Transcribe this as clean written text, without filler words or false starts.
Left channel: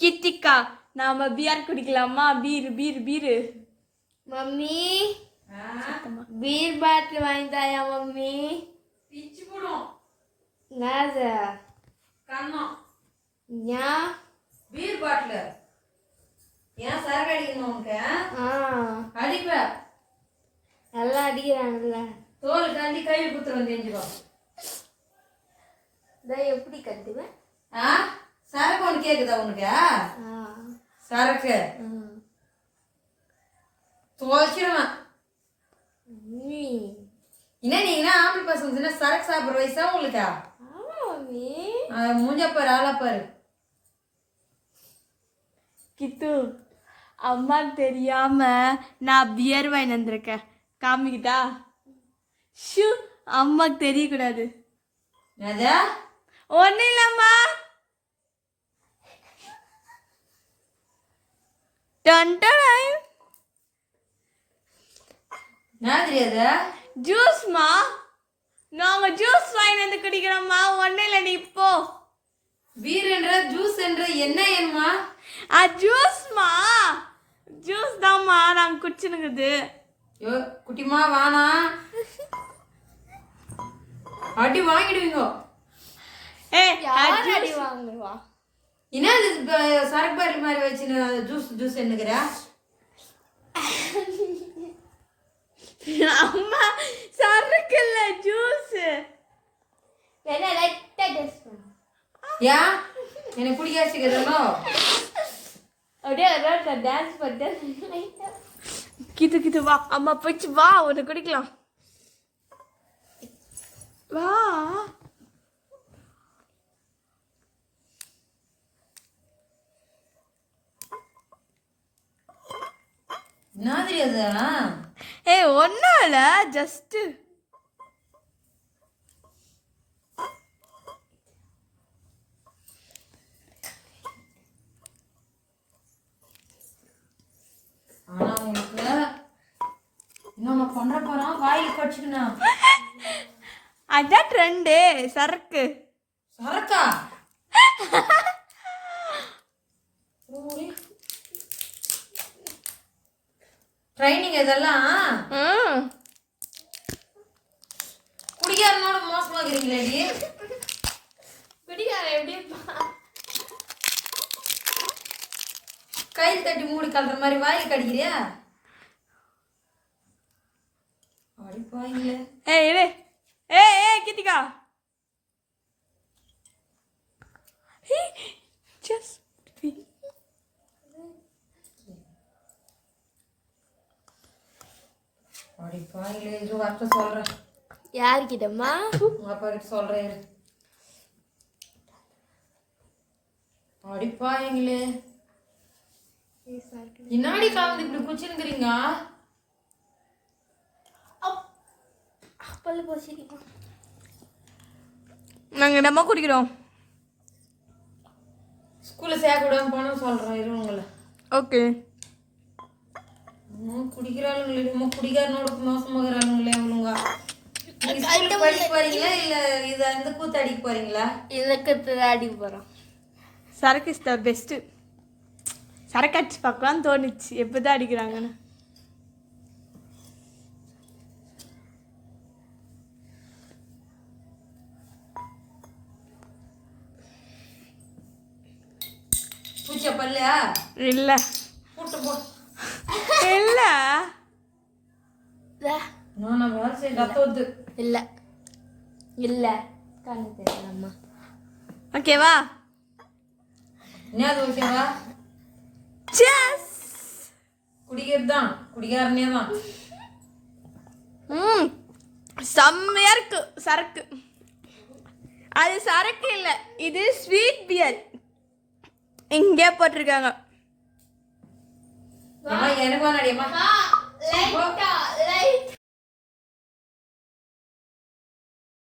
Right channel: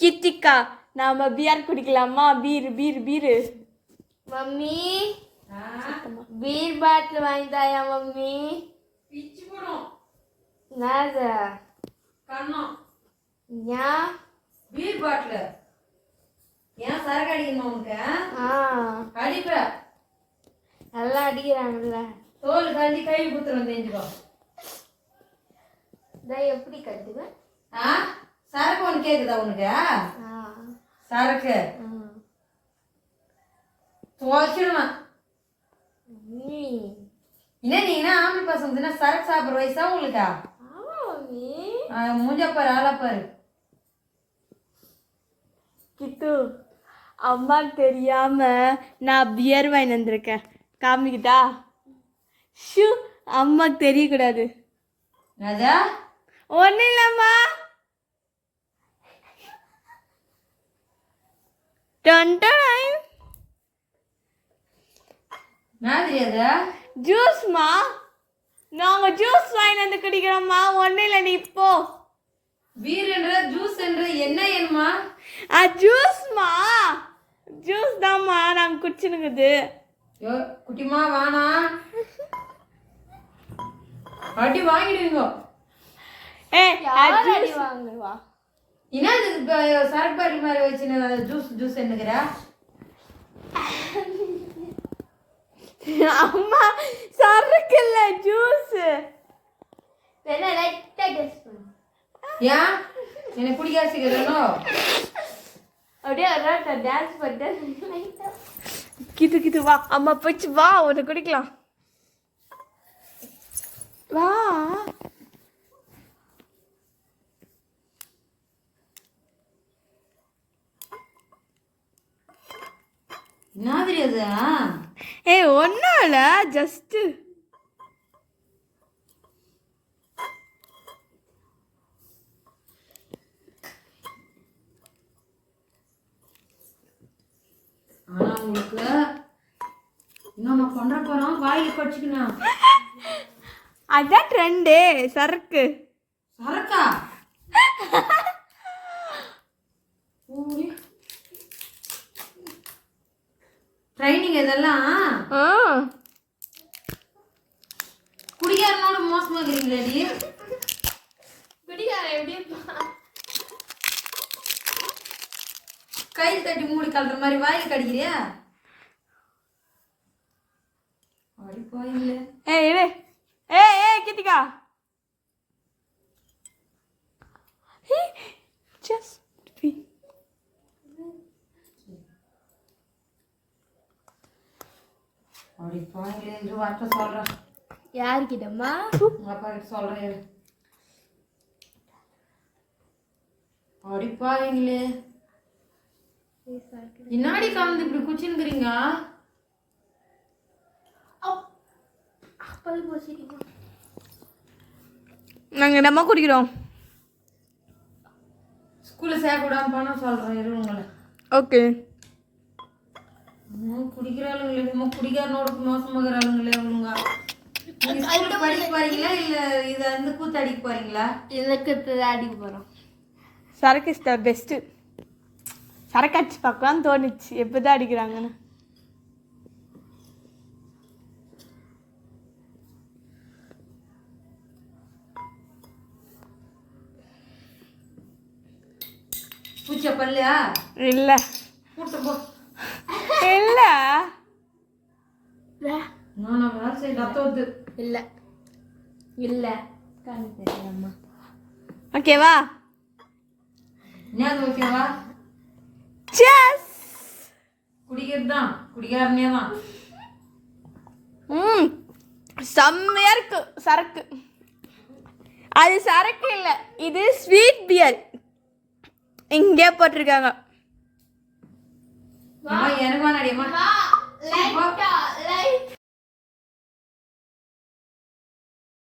கித்திகா நாம பியர் குடிக்கலாமா? Beer mummy beer bottle வாங்கி தாயா மம்மி. பிச்சு போடும் நாதா கண்ணம். ஏன் பீர் பாட்டில் ஏன் சரக்கு அடிக்கணும் உனக்கு? அடிப்ப நல்லா அடிக்கிறாங்கல்ல. தோல் கண்டி கையில் குத்துறோம் தெரிஞ்சுக்கோ. எப்படி கத்துக்க? சரக்கு ஒன்று கேக்குதா உனக்கு? சரக்கு துவைச்சிடுவேன். என்ன நீங்கன்னா ஆம்பளை பசங்க சரக்கு சாப்பிட்ற வயசா உங்களுக்கு? மூஞ்சப்பாரு ஆளாப்பாரு. கித்து அம்மா தெரியாம நான் பியர் வாங்கி வந்திருக்கேன். காமிக்கிட்டா? ஷூ அம்மாக்கு தெரியக்கூடாது. ஒன்றும் இல்லம்மா. ஜூஸ்மா, நாங்க ஜூஸ் வாங்கி வந்து குடிக்கிறோம்மா. ஒன்றும் இல்லை, நீ இப்போ பீர் என்ற ஜூஸ் என்ற என்ன ஏம்மா? ஜூஸ்மா, ஜூஸ் தான்மா நாங்கள் குடிச்சுனுக்குது. யோ குட்டிமா வானா அடி வாங்கிடுவீங்க. அடி வாங்குவா. என்ன சரக்கு பாட்டில் மாதிரி வச்சு ஜூஸ் என்னங்கிற? அம்மா சரக்கு இல்ல ஜூஸ். ஏன் எனக்கு குடிக்காசிக்கிறோ? அப்படியே டான்ஸ் பண்ண. கித்து வா, அம்மா போச்சு வா, உன்னை குடிக்கலாம் வா. மாதிரி அதா? ஒன்றும் இல்லை, ஜஸ்ட்டு உங்களுக்கு இன்னொன்று கொண்ட போகிறோம். வாயில் கடிச்சுக்கணும். அதான் ட்ரெண்டு. சரக்கா ட்ரைனிங் இதெல்லாம் குடிகாரனோட மோசமாகிறீங்களே. குடிகாரன் எப்படி கையில் கட்டி மூடி கல்ற மாதிரி வாயில் கடிக்கிறியா? அடிப்பாங்களே. கித்திகா அடிப்பாங்களே. இது வார்த்தை சொல்றேன். யாருக்கிட்டம்மா? அப்பாருக்கு சொல்றேன். அடிப்பாங்களே. இன்னாடி காலந்து இப்படி குச்சிருக்கிறீங்க? நாங்கள் என்னம்மா குடிக்கிறோம்? ஸ்கூலில் சேர்க்க விடாம பணம் சொல்கிறேன் இரு உங்களை. ஓகே. குடிக்கிறாளுங்களே, குடிக்காரனோட மோசமாகறாளுங்களே அவளுங்க. ஸ்கூலுக்கு படிக்க போறீங்களா இல்லை இது அந்த கூத்து அடிக்க போறீங்களா? எனக்கு அடிக்க போகிறோம். சரக்கு இஸ் த பெஸ்ட்டு. சரக்கு அடிச்சு பார்க்கலான்னு தோணுச்சு, எப்போதான் அடிக்கிறாங்கன்னு. பூச்சா பல்லையா? இல்லை இல்லை நான் வேலை செய்ய ரத்தோது இல்லை இல்லை கண்ணு தெரியலம்மா. ஓகேவா? என்ன ஓகேவா? குடிக்கிறது தான், குடிகாரனே தான். செம்மையா இருக்கு சரக்கு. அது சரக்கு இல்லை, இது ஸ்வீட் பியர். இங்கே போட்டிருக்காங்க. எனக்கு வேணாடியம்மா. லைட்டா